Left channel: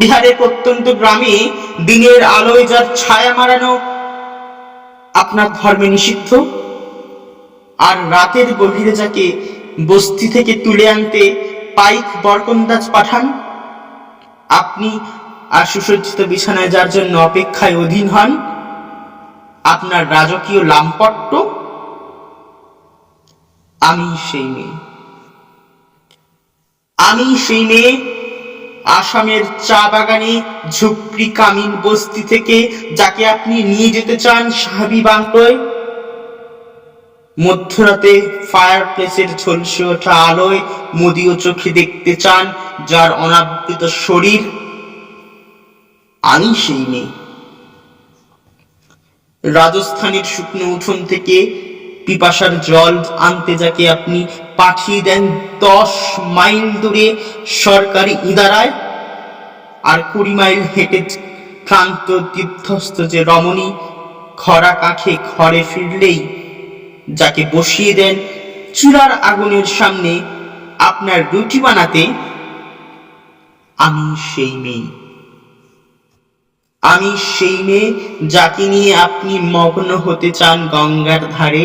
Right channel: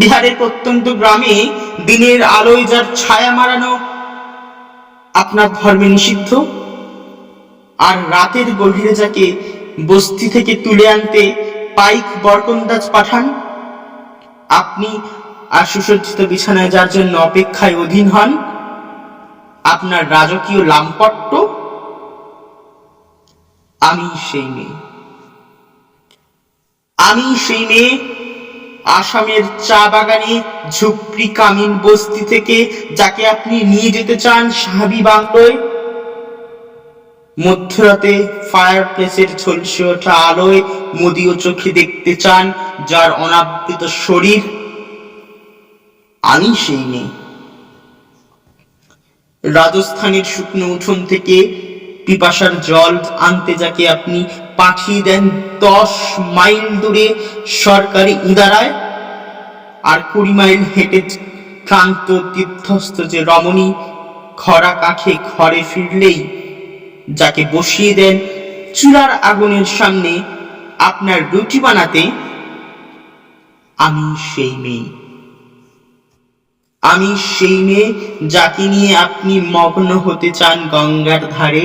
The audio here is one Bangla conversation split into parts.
বিহারের প্রত্যন্ত গ্রামে দিনের আলোয় যার ছায়া মারানো আপনার ধর্মে নিষিদ্ধ, আর রাতের গভীরে যাকে বস্তি থেকে তুলে আনতে পাইক বরকন্দাজ পাঠান, আপনি আর সুসজ্জিত বিছানায় যার জন্য অপেক্ষায় অধীন হন, আপনার রাজকীয় লাম্পট্ট আমি সেই মেয়ে। আমি সেই মেয়ে আসামের চা বাগানে ঝুপড়ি কামিন বস্তি থেকে যাকে আপনি নিয়ে যেতে চান সাহাবি বাংলোয়। মধ্যরাতে ফায়ার প্লেসের ঝলসে ওঠা আলোয় মদীয় চোখে দেখতে চান যার অনাবৃত শরীর। আমি সেই নেই রাজস্থানের শুকনো উঠোন থেকে পিপাসার জল আনতে যাকে আপনি পাঠিয়ে দেন দশ মাইল দূরে সরকারি ইদারায় আর কুড়ি মাইল হেঁটে ক্লান্ত তীর্থস্থ যে রমণী খরা কাখে ঘরে ফিরলেই যাকে বসিয়ে দেন চুলার আগুনের সামনে আপনার রুটি বানাতে, আমি সেই মেয়ে। আমি সেই মেয়ে যাকে নিয়ে আপনি মগ্ন হতে চান গঙ্গার ধারে।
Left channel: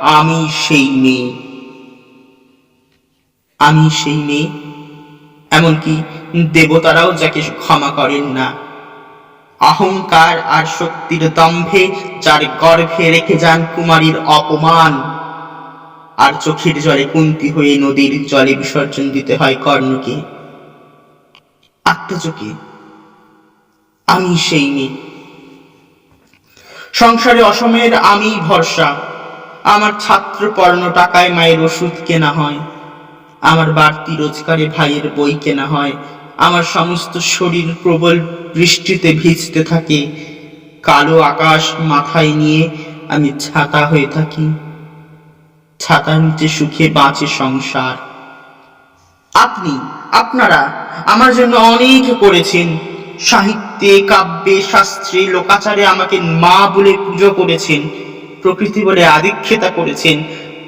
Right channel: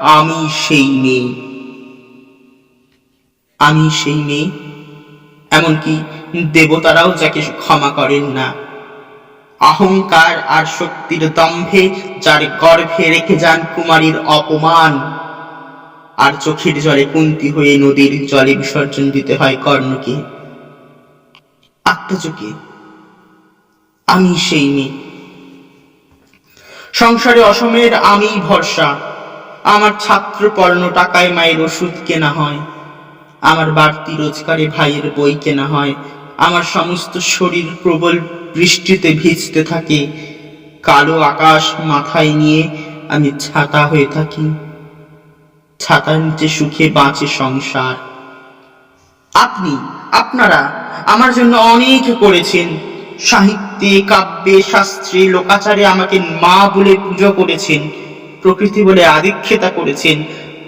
আমি সেই মেয়ে। আমি সেই মেয়ে। এমনকি দেবতারাও যাকে ক্ষমা করেন না। অহংকার আর শক্তির দম্ভে যার গর্ভে রেখে যান কুমারীর অপমান। আর চোখের জলে কুন্তি হয়ে নদীর জলে বিসর্জন দিতে হয় কর্ণকে। আত্মচোখে আমি সেই মেয়ে। সংসারে অসমের আমি ভরসা। আমার ছাত্র পর্ণ টাকায় মায়ের ওষুধ কেনা হয়। আমার বাড়তি রোজগারে ভাইয়ের বই কেনা হয়। আমার সমস্ত শরীর প্রবল বৃষ্টিতে ভিজতে থাকে। কালো আকাশ মাথায় নিয়ে আমি ছাতা হয়ে থাকি। ছাতার নিচে সুখে বাঁচে সংসার। আপনি, আপনারা আমার জন্য অনেক করেছেন। সাহিত্যে, কাব্যে, শাস্ত্রে, লোকাচারে আমাকে মা বলে পুজো করেছেন। প্রকৃতি বলে আদিক্ষেতা করেছেন।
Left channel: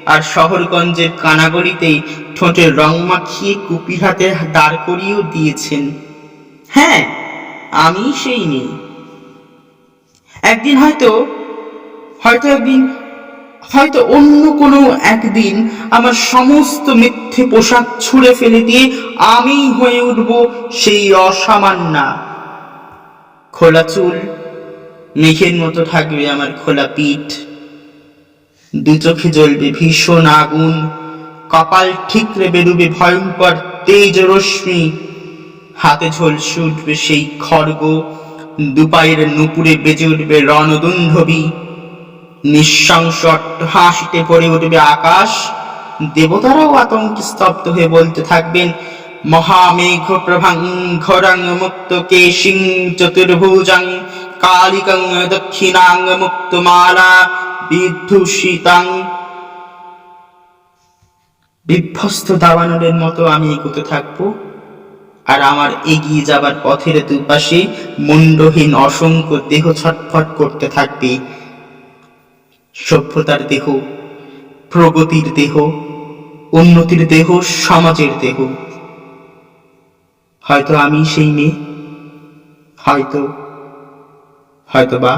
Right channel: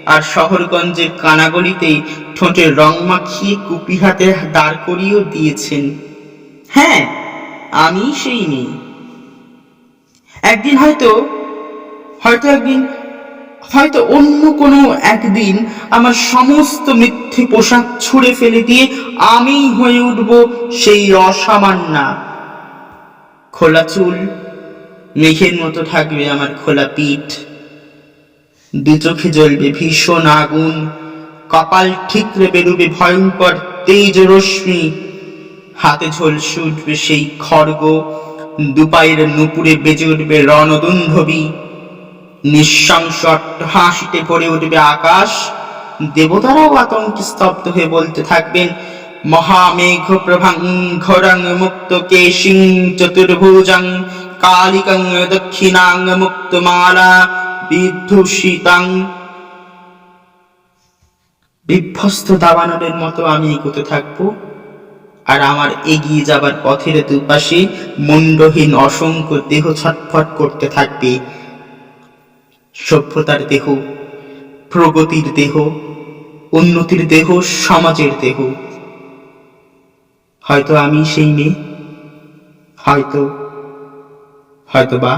আর শহরগঞ্জের কানাগলিতেই ঠোঁটের রং মাখিয়ে কুপি হাতে দাঁড় করিয়েও দিয়েছেন। হ্যাঁ আমি সেই মেয়ে। একদিন হয়তো হয়তো একদিন, হয়তো অন্য কোনো একদিন আমার সমস্ত মিথ্যে পোশাক ছুঁড়ে ফেলে দিয়ে আমি হয়ে উঠব সেই অসামান্যা। খোলা চুল, মেঘের মতো থাকবে আমার খোলা পিঠ। দু চোখে জ্বলবে ভীষণ আগুন। কপাল ঠিকরে বেরুবে ভয়ঙ্কর তেজ রশ্মি। হাতে ঝলসে উঠবে সেই খড়গ। দুপায়ের নুপুরে বেজে উঠবে রণদুন্ধবী। নিঃশংস হাসিতে ভরে উঠবে আকাশ। দেবতারাও আতঙ্কে স্তব্ধ হয়ে বলতে থাকবেন, মহামেঘ প্রভাং ঘোরাং মুক্ত কেশিং চতুর্ভুজাং কালিকাং দক্ষিণাং মুক্তমালা বিধূষিতাং। বিভ্যস্ত দাবানলের মতো আমি এগোতে থাকব, আর আমার এগিয়ে যাবার পথের দুপাশে মুন্ডহীন অসংখ্য দেহ ছটফট করতে থাকবে। সভ্যতার দেহ, প্রগতির দেহ, উন্নতির দেহ, সমাজের দেহ। হয়তো আমি সেই মেয়ে, হয়তো হয়তো বা